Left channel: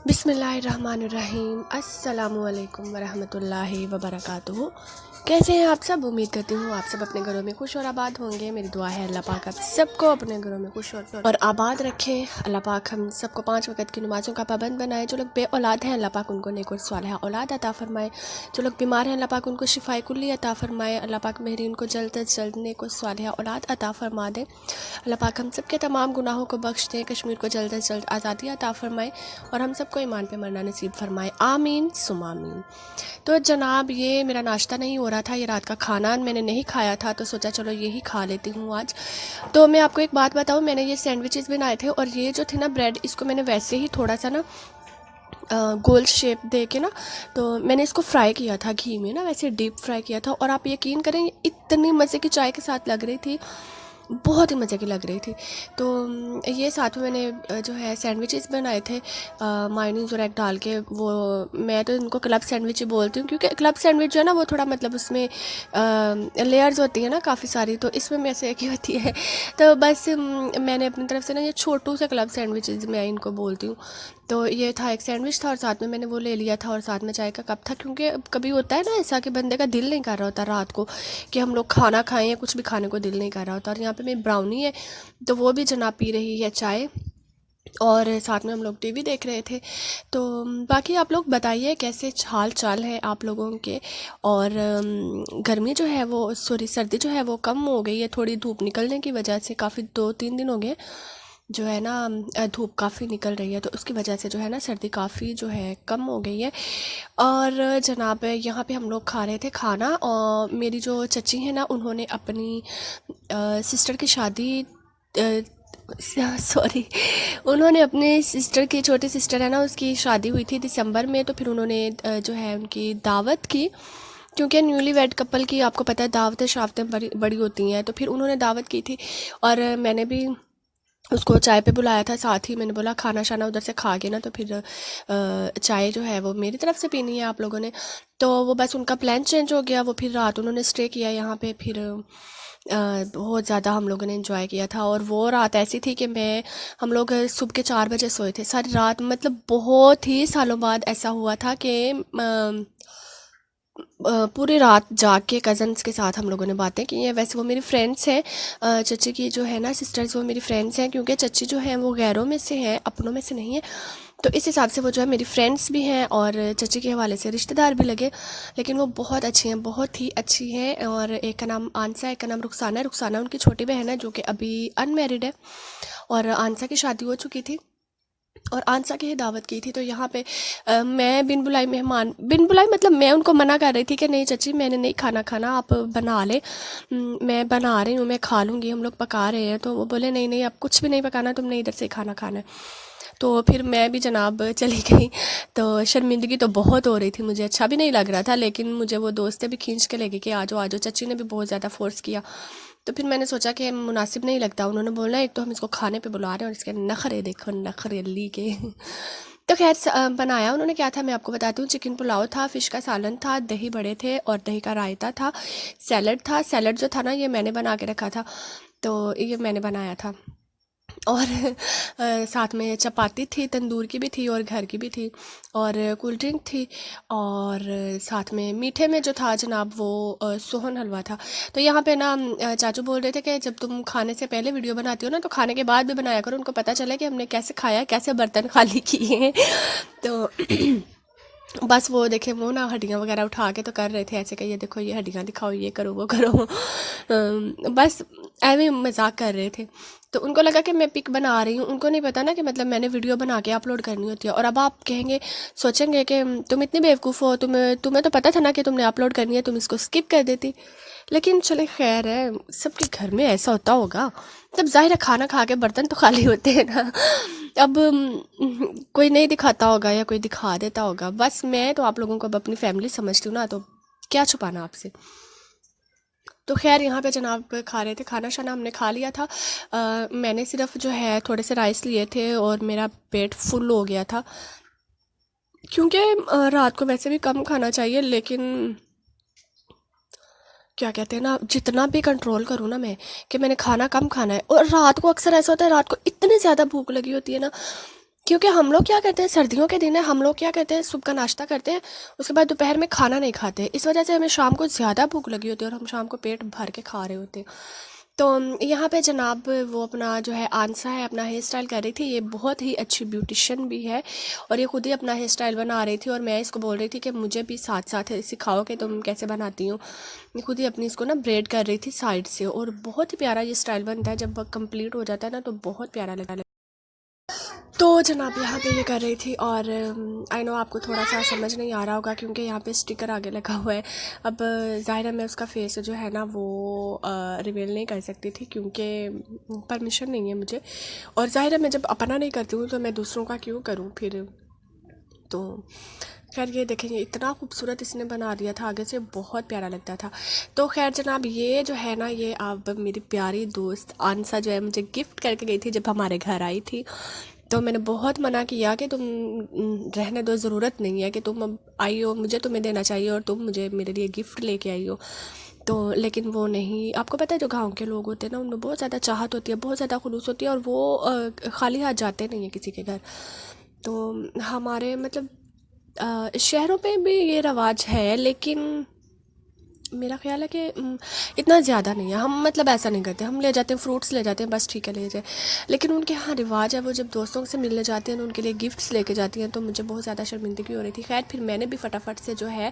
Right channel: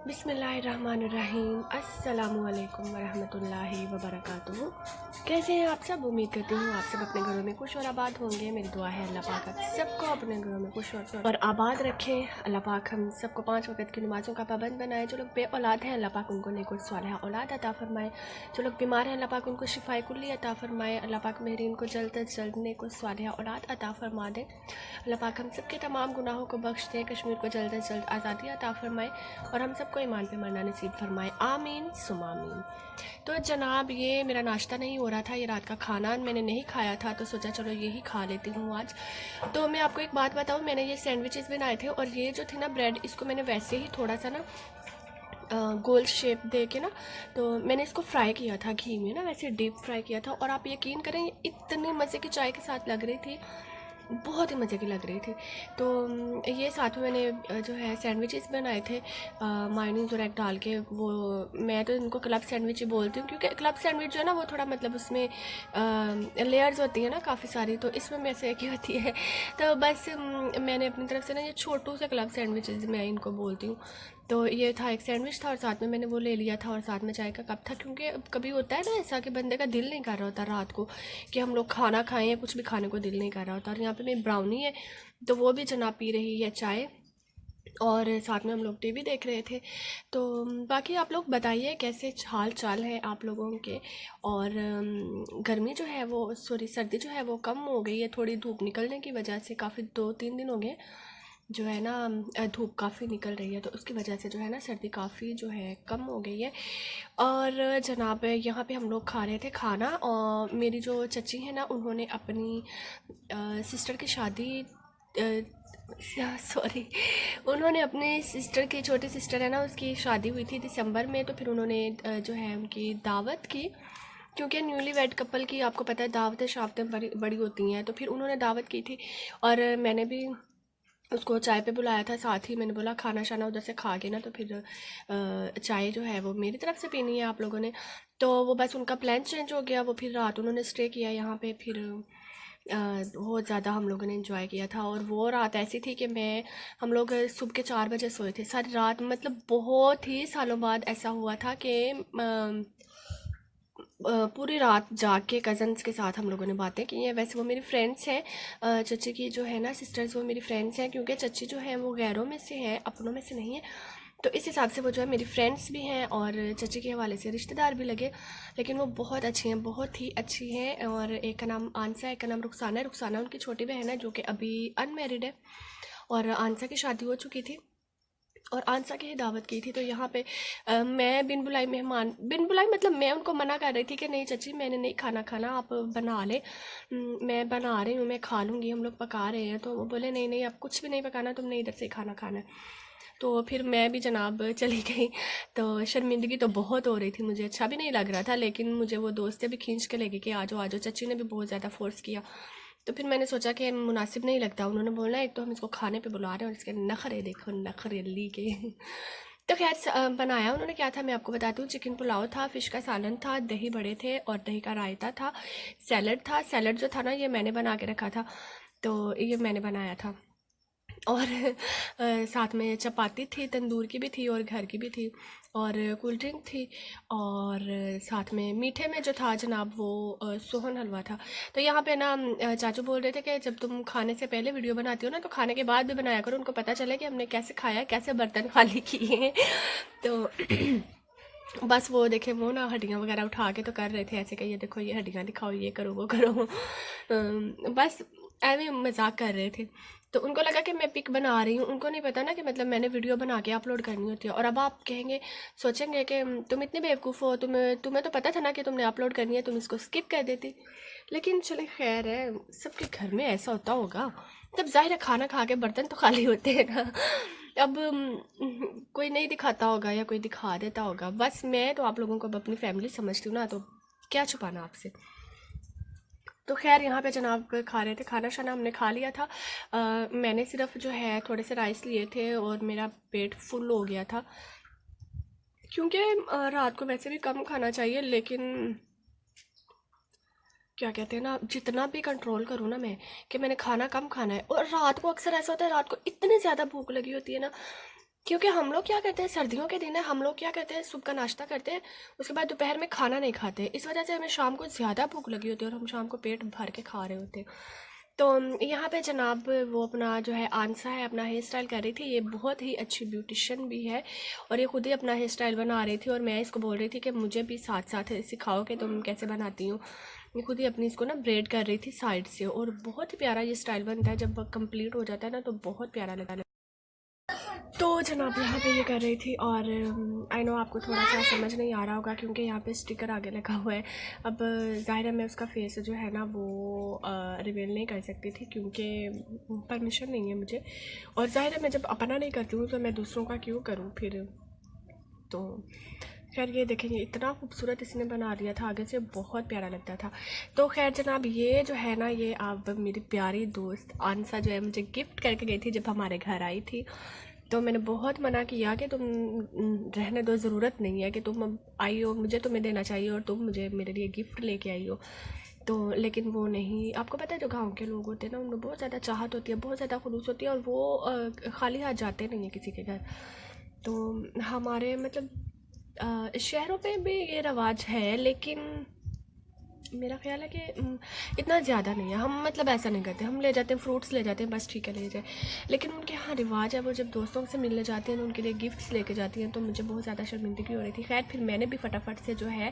बिस्मिल्लाहिर्रहमानिर्रहीम अस्सलामुअलैकुम वरहमतुल्लाहि वबरकातुहू। कैसे हैं आप सब? उम्मीद करती हूँ आप सब अपने घरों में खुश और आबाद होंगे। मेरी दुआ है अल्लाह पाक आप सबको अपने घरों में खुश और आबाद रखे। अल्लाह पाक हम सबको 5 वक्त की नमाज़ों का पाबंद बनाए। जो लोग बे औलाद हैं अल्लाह पाक उनको नेक और सालिहा औलाद अता फ़रमाए। जो लोग बीमार हैं अल्लाह पाक उनको शिफाए कुल्ली अता फ़रमाए। अल्लाह पाक मेहरी उनको जल्द से जल्द नेक और सालिहा औलाद अता फ़रमा दे। अल्लाह पाक हम सब के तमाम गुनाहों को बख्श दे। कश्मीर को जल्द से जल्द आज़ादी अता फ़रमाए और हम सबको ईमान पे मरना नसीब फरमाए। आमीन सुम आमीन। तो जनाब ये मेरा नाश्ता नहीं हो रहा था, ये रात का खाना मैंने नहीं खाया था, तो सोचा चलो यही खा लेती हूँ आज। तो मैं आपको एक बात बताऊँ, मैंने ये सैंडविचेस बनाए थे और ये जो थे ना ब्रेड, इसको मैंने वैसे ही थोड़ा सा ना गोल शेप दे के ना, तो मैंने इसको फ्राई किया था घी में ना, वैसे डीप फ्राई किया था। और आप यकीन करें ये इतनी मज़े की चाय के साथ लग रही थी, बहुत ही मज़े की लग रही थी। तो ये साथ में मैंने जो है सैंडविचेस बनाए थे मायोनीज़ और एग डाल के। वो मैं तो इनको क्लब सैंडविच ही बोलती हूँ, क्योंकि क्लब सैंडविच जो है ना वो थोड़ा मतलब उसमें लेयर्स होती हैं ना काफ़ी सारी, तो इसमें मैं से एक ही होती है। तो बस मैंने अपनी तरफ से ना ये छोटू से क्लब सैंडविचेस मैं इनको बोलती हूँ। तो ये था, एक सैंडविच था और साथ में मैंने वो ले लिया था और साथ में चाय का कप था, क्योंकि कभी होता है ना ऐसा कि बंदे का दिल नहीं कर रहा होता रात को कि हम लोग खाना खाएं या कुछ भी खाने को दिल नहीं कर रहा होता। और यहाँ पे मेरी ब्राउनी है, तो वो भी जनाब पी रही है चाय और साथ में हम लोग टीवी देख रहे थे। तो बाकी आप लोग बताइए कैसे हाल चाल है आप लोगों के। और गर्मी जो है वो, सॉरी सर्दी जो है वो कम हो गई है थोड़ी, धूप निकलने की वजह से। काफ़ी 2-3 दिन हो गए जो है ना धूप काफ़ी निकल रही है, तो उसकी वजह से जो है ना सर्दी काफ़ी जो है कम हो गई है। और जनाब यहाँ पे हम लोग खा रहे थे खाना, और मेरी जो चची है ना उन्होंने अपनी सिस्टर की शादी, सॉरी, उन्होंने अपनी सिस्टर की, छोटी सिस्टर है ना उसकी शादी हुई थी दिसंबर में, तो फिर उन्होंने जो है उनकी दावत की। क्योंकि न्यूली वेड कपल की आपको पता है दावतें शावतें बड़ी बड़ी होती हैं, तो फिर उन्होंने दावत की थी और मैंने भी उसको चाय पे बुलाया था। साथ ही मैंने बोला खाना शाना उधर से खा के ना तो फिर चाय जो है वो मेरी तरफ से पीनी है आप लोगों ने। तो वो बस उनका प्लान चेंज हो गया, वो फिर रात उन्होंने स्टे किया यहाँ पे। फिर बहुत ज़्यादा हम लोगों ने एंजॉय किया था। और वो रात ऐसी थी कि हम लोग सुबह के 4 बजे सोए थे सारी रात। मतलब बहुत ही सालों बाद ऐसा हुआ था कि पूरी रात जाग के कज़न्स के साथ हम लोगों ने बातें की हैं। वैसे वो मेरी फ्रेंड्स हैं, चची की जो है ना सिस्टर्स, वो मेरी फ्रेंड्स हैं, क्योंकि चची जो हैं वो गैरों में से हैं, अपनों में से नहीं है। तो इस हिसाब से वो जो है मेरी फ्रेंड्स भी हैं और चची के हवाले से रिश्तेदार भी लगे। लेकिन वो बहुत अच्छी हैं, बहुत ही अच्छी हैं। और एक का नाम आंसा है, एक का नाम रुखसाना है। रुखसाना उनकी छोटी बहन है जो कि अभी अनमैरिड है, और आंसा की शादी हो चुकी थी और आंसा की ही दावत की थी। तो यहाँ पे मैं बिन बुलाई मेहमान, बिन बुलाई मतलब मैं उनको मना कर रही थी कि नहीं चची मैंने नहीं खाना खाना, आप बना ले, मैं बना रही हूँ, मैं खा लूँगी, हम लोग पका रहे हैं। तो वो बोले नहीं नहीं अब कुछ भी नहीं पकाना, तुमने इधर से खाना खाना है। तो फिर मैं भी जनाब चली गई। तो शर्मिंदगी तो बहुत हो रही थी, मुझे अच्छा भी नहीं लग रहा था, लेकिन मुझे वो दोस्तें भी खींच के ले गई कि आ जाओ आ जाओ। चची ने भी बहुत ज़्यादा फोर्स किया, तो फिर मैंने सोचा कि मुनासिब नहीं लगता। उन्होंने बोला एक तो हम इसको खाने पे बुला रहे हैं और इसके नखरे देखो, नखरेली के। तो खैर बनाया उन्होंने क्या था मैं आपको बताती हूँ। चिकन पुलाव था, फ़िश का सालन था, दही बड़े थे और दही का रायता था, सैलड था। सैलड जो था ना ये मैंने बना के रखा था, तो ये मैंने बनाया था। और साथ में चपाती थी, तंदूर की भी थी और घर की भी थी, और कोल्ड ड्रिंक थी। और साथ में मीठे में जो था जनाब वो सोहन हलवा था। तो यहाँ पे ना चाचू बोल रहे थे कि जब तुम खाने से पहले वीडियो बनाती हो ना तो खाने के बाद भी बनाया करो, उनको पता चले कि हमने कैसे खाया, कैसे बर्तन खाली किए हैं। तो बस वो देखे वो ना हड्डियाँ वगैरह उठा के तो कर रहे थे ऐसे कि ये देखो ये हड्डियाँ दिखाओ, ये करो वो करो। बस ऐਵੇਂ मजाक कर रहे थे। तो उनको लगा कि मैं पिक बना रही हूँ, उनको नहीं पता ना कि मतलब मैंने वीडियो बना के अपलोड करनी होती है। और अब आप कहेंगे, सोचेंगे कि तुम इतनी बेवकूफ़ हो, तुम्हें तुम्हें तो पता था ना कि तुमने अपलोड करनी है, तुम इसको स्किप कर देती। लेकिन चले खैर है, सबके घर में ऐसा होता होगा। तब ज़ाहिर है खाना खा के बर्तन तो खाली होते हैं ना। अब कोई नहीं दिखाता होगा या कोई दिखा देता होगा। बस मैं तो आप लोगों को अब अपनी फैमिली समझती हूँ ना, तो क्या छुपाना आपसे। तो खैर यहाँ पे जनाब खा रहे थे, खाना शाना हमने खा लिया था। मैंने सिर्फ जो है थोड़े से राइस लिए थे और मेरा पेट फुल हो गया था, क्योंकि रात को वैसे भी कम खाना चाहिए, लेकिन क्या कहते हैं ना, जितना भी कंट्रोल करूँ ना मैं कि मैंने खाना कम खाना है। और रात को अक्सर ऐसा होता है, रात को इतनी ज़्यादा भूख लगी होती है ना क्योंकि हम लोग क्या करते हैं, सर्दियों के दिन है, हम लोग क्या करते हैं, सुबह का नाश्ता करते हैं, उसके बाद दोपहर में खाना नहीं खाते। इस वजह से हमें शाम को ज़्यादा भूख लगी होती है और हम शाम को पेट भर के खा रहे होते हैं। तो यहाँ पे जनाब वो अपना जो है आंसा है, अपना हेयर स्टाइल कर रही थी। ये बहुत ही अच्छी ब्यूटिशियन भी है और ये खुद ही अपना हेयर स्टाइल बना रही थी और मैं इसको बोल रही थी कि मुझे भी साथ साथ सिखाओ कि तुम कैसे बनाती हो। ये खुद ही अपनी इसको ना ब्रेड कर रही थी साइड से और बहुत ही प्यारा ये स्टाइल बनता है। जब कंप्लीट हो जाता है ना तो बहुत प्यारा लगता है। तो जनाब यहाँ पे ये कर रही थी और आई नो आपको थोड़ा सा समझ नहीं आ रहा होगा क्योंकि यहाँ पे स्टिकर आगे लगा हुआ है। अब ज़ाहिर है मैं उसका फेस जो है ना वो रिवील नहीं कर सकती थी क्योंकि परमिशन नहीं है मुझे। और ज़ाहिर है मैं जब अपना नहीं करती हूँ तो मैं दूसरों का क्यों करूँ फिर। तो खैर ये देखेंगे इतना खूबसूरत इसने बना दिया था आगे से, बहुत प्यारा लगता था। तो खैर जनाब ये जो है ना ये अब मेरी प्यारी दोस्त आंसा जो है मुझे गिफ्ट करके गई थी जब हमारे घर आई थी। तो मैंने बहुत मना किया कि तुम रहने दो, ज़रूरत नहीं है कि तुम अब आई हो, मुझे तुम्हें देना चाहिए और तुम मुझे मेरे लिए गिफ्ट लेके आई हो। तो लेकिन वो नहीं, आपको पता है जो गांव के लोग होते हैं ना उनमें बहुत ज़्यादा चाहत होती है, बहुत ज़्यादा खुलूस होती है और वो खाली हाथ जाते नहीं है किसी के घर। तो हमारे मतलब शहरों पे भी ये रवाज है लेकिन मेरा ख्याल है कि इतना ज़्यादा नहीं है। हम मतलब ऐसा नहीं करते, हम ले जाते हैं फ्रूट्स ले जाते हैं, बस ठीक है ले जाए। लेकिन उनके यहाँ रिवाज है, वो जब दोस्तों से मिलने जाते हैं तो उनके लिए गिफ्ट्स लेके जाती हैं। तो मुझे बहुत ज़्यादा शर्मिंदगी हो रही थी। खैर फिर मैंने भी फटाफट से जो है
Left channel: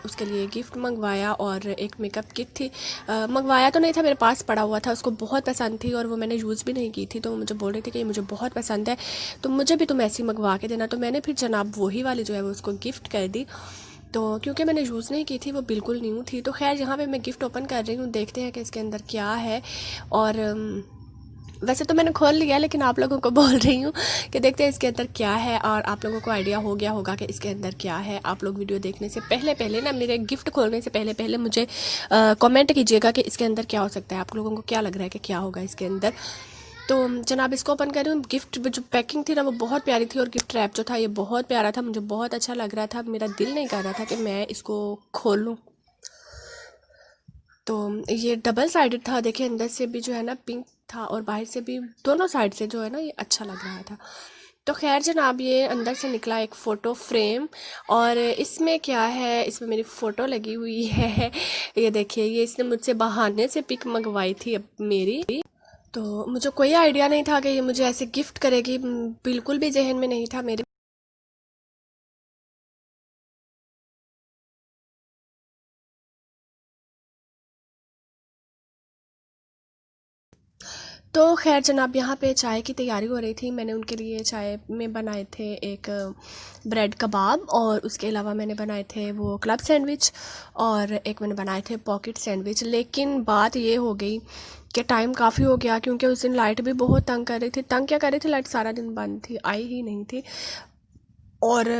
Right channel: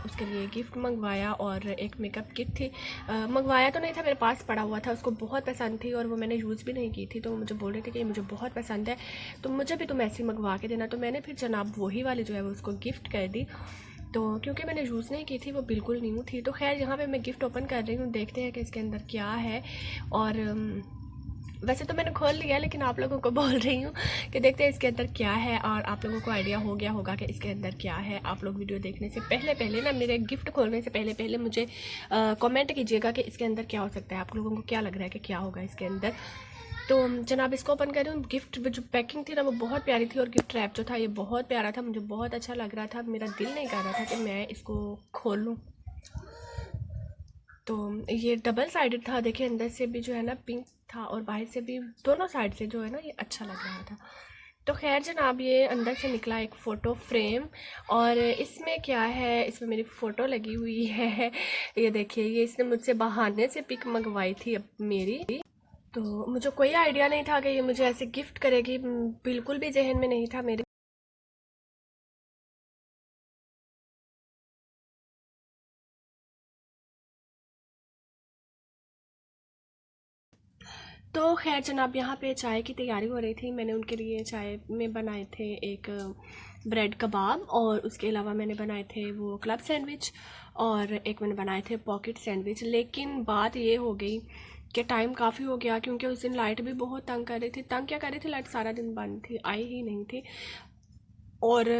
उसके लिए गिफ्ट मंगवाया और एक मेकअप किट थी। मंगवाया तो नहीं था, मेरे पास पड़ा हुआ था, उसको बहुत पसंद थी और वो मैंने यूज़ भी नहीं की थी। तो वो मुझे बोल रही थी कि ये मुझे बहुत पसंद है तो मुझे भी तुम ऐसी मंगवा के देना। तो मैंने फिर जनाब वही वाली जो है वो उसको गिफ्ट कर दी। तो क्योंकि मैंने यूज़ नहीं की थी, वो बिल्कुल न्यू थी। तो खैर यहाँ पे मैं गिफ्ट ओपन कर रही हूँ, देखते हैं कि इसके अंदर क्या है। और वैसे तो मैंने खोल लिया लेकिन आप लोगों को बोल रही हूँ कि देखते हैं इसके अंदर क्या है और आप लोगों को आइडिया हो गया होगा कि इसके अंदर क्या है। आप लोग वीडियो देखने से पहले पहले ना, मेरे गिफ्ट खोलने से पहले पहले मुझे कमेंट कीजिएगा कि इसके अंदर क्या हो सकता है, आप लोगों को क्या लग रहा है कि क्या होगा इसके अंदर। तो जनाब इसको ओपन कर रही हूँ। गिफ्ट जो पैकिंग थी ना वो बहुत प्यारी थी और गिफ्ट रैप जो था ये बहुत प्यारा था, मुझे बहुत अच्छा लग रहा था। मेरा दिल नहीं कर रहा था कि मैं इसको खोलूँ। तो ये डबल साइडेड था, देखिए अंदर से भी जो है ना पिंक था और बाहर से भी, दोनों साइड से जो है ना ये अच्छा लग रहा था। तो खैर जनाब ये अंदर से निकला एक फ़ोटो फ्रेम और इसमें क्या है, इसमें मेरी फ़ोटो लगी हुई है। ये देखिए, ये इसने मुझसे बहाने से पिक मंगवाई थी अब मेरी। तो मुझे कोई आइडिया नहीं था कि ये मुझे ऐसे गिफ्ट करेगी, बिल्कुल भी जहन में नहीं था मेरे। तो खैर जनाब यहाँ पे चाय की तैयारी हो रही थी। मैंने उनके लिए चाय में बनाए थे एक ब्रेड कबाब और उसके अलावा मैंने बनाए थे वो क्लब सैंडविच और एक मैंने बनाए थे पॉकेट सैंडविच। लेकिन बात ये हो गई कि टाइम काफ़ी हो गया क्योंकि उस दिन लाइट भी बहुत तंग कर रही थी। तंग क्या कर रही थी, लाइट सारा दिन बंद थी, आई ही नहीं थी। और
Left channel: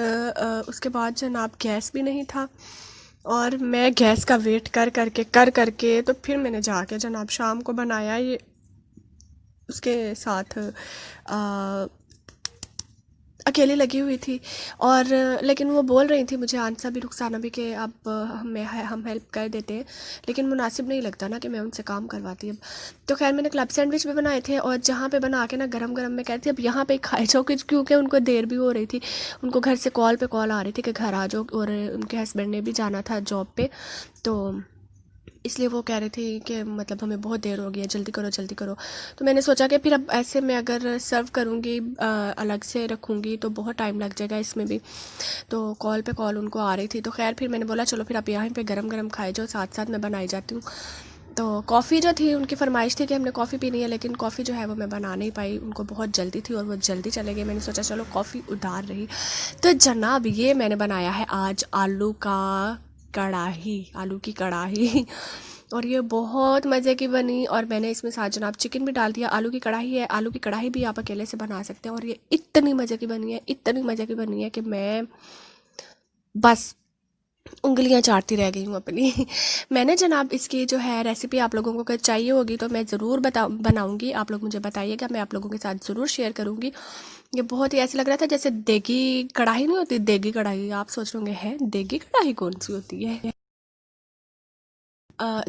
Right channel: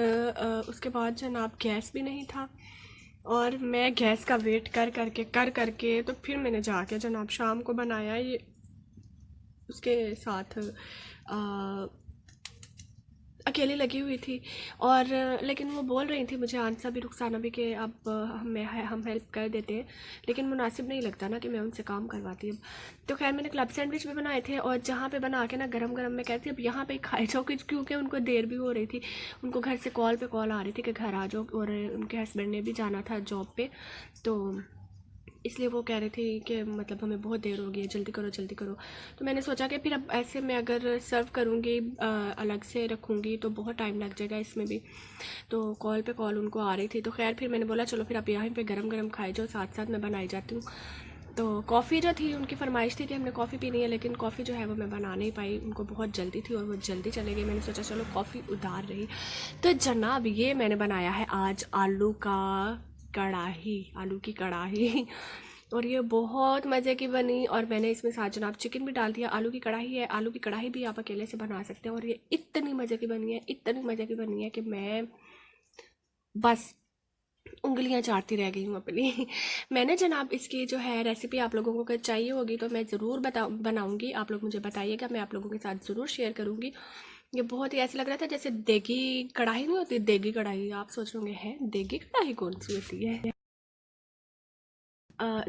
उसके बाद जनाब गैस भी नहीं था और मैं गैस का वेट कर करके तो फिर मैंने जाके जनाब शाम को बनाया ये उसके साथ अकेली लगी हुई थी। और लेकिन वो बोल रही थी मुझे आंसा भी रुखसाना भी कि अब हम हेल्प कर देते हैं, लेकिन मुनासिब नहीं लगता ना कि मैं उनसे काम करवाती अब। तो खैर मैंने क्लब सैंडविच भी बनाए थे और जहाँ पे बना के ना गरम गरम मैं कहती अब यहाँ पे खाए जाओ क्योंकि उनको देर भी हो रही थी। उनको घर से कॉल पे कॉल आ रही थी कि घर आ जाओ और उनके हस्बैंड ने भी जाना था जॉब पे। तो इसलिए वो कह रही थी कि मतलब हमें बहुत देर हो गई है, जल्दी करो जल्दी करो। तो मैंने सोचा कि फिर अब ऐसे मैं अगर सर्व करूँगी अलग से रखूँगी तो बहुत टाइम लग जाएगा इसमें भी। तो कॉल पे कॉल उनको आ रही थी। तो खैर फिर मैंने बोला चलो फिर आप यहाँ पे गरम गरम खाए जाओ, साथ साथ मैं बनाई जाती हूँ। तो कॉफ़ी जो थी उनकी फरमाइश थी कि हमने कॉफ़ी पीनी है, लेकिन कॉफ़ी जो है वो मैं बना नहीं पाई, उनको बहुत जल्दी थी और वो जल्दी चले गए। मैंने सोचा चलो कॉफ़ी उधार रही। तो जनाब ये मैंने बनाया है आज आलू का कढ़ाई, आलू की कढ़ाई। और ये बहुत मज़े की बनी और मैंने इसमें साथ जनाब चिकन भी डाल दिया। आलू की कढ़ाई है, आलू की कढ़ाई भी आप अकेले से बना सकते हैं और ये इतनी मज़े की बनी है, इतनी मज़े की बनी है कि मैं बस उंगलियां चाटती रह गई हूँ अपनी। मैंने जनाब इसकी जो है रेसिपी आप लोगों को अगर चाहिए होगी तो मैं ज़रूर बनाऊंगी, आप लोग मुझे बताइएगा, मैं आप लोगों के साथ ज़रूर शेयर करूंगी। ये बहुत ही ऐसा लग रहा था जैसे देगी कढ़ाई नहीं होती, देगी कढ़ाई। आप सोच रहे होंगे है देगी कढ़ाई कौन सी होती है।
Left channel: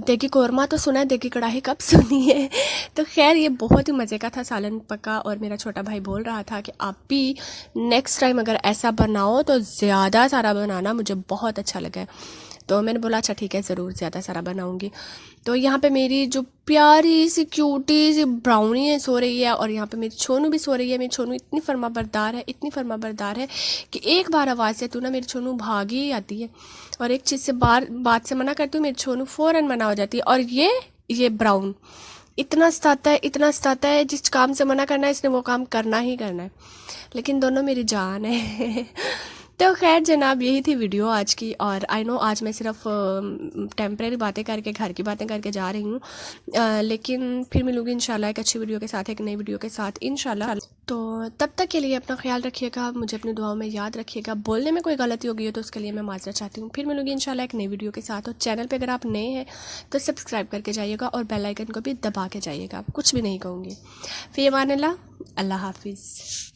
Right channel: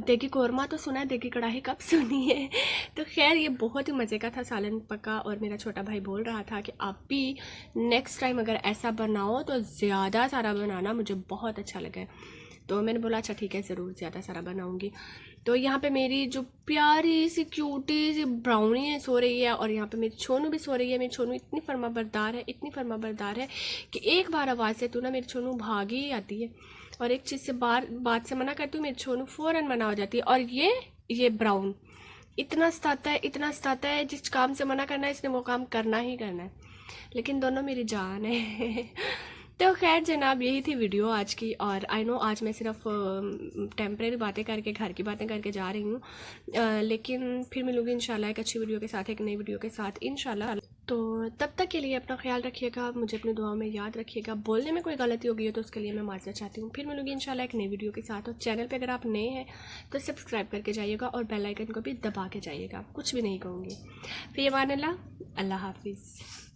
देगी कौरमा तो सुना है, देगी कढ़ाई कब सुनी है। तो खैर ये बहुत ही मज़े का था, सालन पका। और मेरा छोटा भाई बोल रहा था कि आप भी नेक्स्ट टाइम अगर ऐसा बनाओ तो ज़्यादा सारा बनाना, मुझे बहुत अच्छा लगा है। तो मैंने बोला अच्छा ठीक है, ज़रूर ज़्यादा सारा बनाऊंगी। तो यहाँ पे मेरी जो प्यारी सी क्यूटी सी ब्राउनी है सो रही है, और यहाँ पे मेरी छोनू भी सो रही है। मेरी छोनू इतनी फर्मा बरदार है, इतनी फर्मा बरदार है कि एक बार आवाज़ से तू ना मेरी छोनू भागी ही आती है, और एक चीज़ से बात से मना करती हूँ, मेरी छोनू फ़ौरन मना हो जाती है। और ये ब्राउन इतना सताता है, इतना सताता है, जिस काम से मना करना है इसने वो काम करना ही करना है। लेकिन दोनों मेरी जान है। तो खैर जनाब, यही थी वीडियो आज की। और आई नो आज मैं सिर्फ टेम्परेरी बातें करके, घर की बातें करके जा रही हूँ, लेकिन फिर मिलूँगी इंशाल्लाह एक अच्छी वीडियो के साथ, एक नई वीडियो के साथ इंशाल्लाह। तो तब तक के लिए अपना ख्याल रखिएगा, मुझे अपनी दुआओं में याद रखिएगा। बोलने में कोई गलती हो गई है तो उसके लिए मैं माजरत चाहती हूँ। फिर मिलूँगी इंशाल्लाह एक नई वीडियो के साथ। और चैनल पर अगर आप नए हैं तो सब्सक्राइब करके जाइएगा, और बेल आइकन को भी दबा के जाइएगा। कुछ भी नहीं कहूँगी। फ़ी अमान अल्लाह, अल्लाह हाफिज़।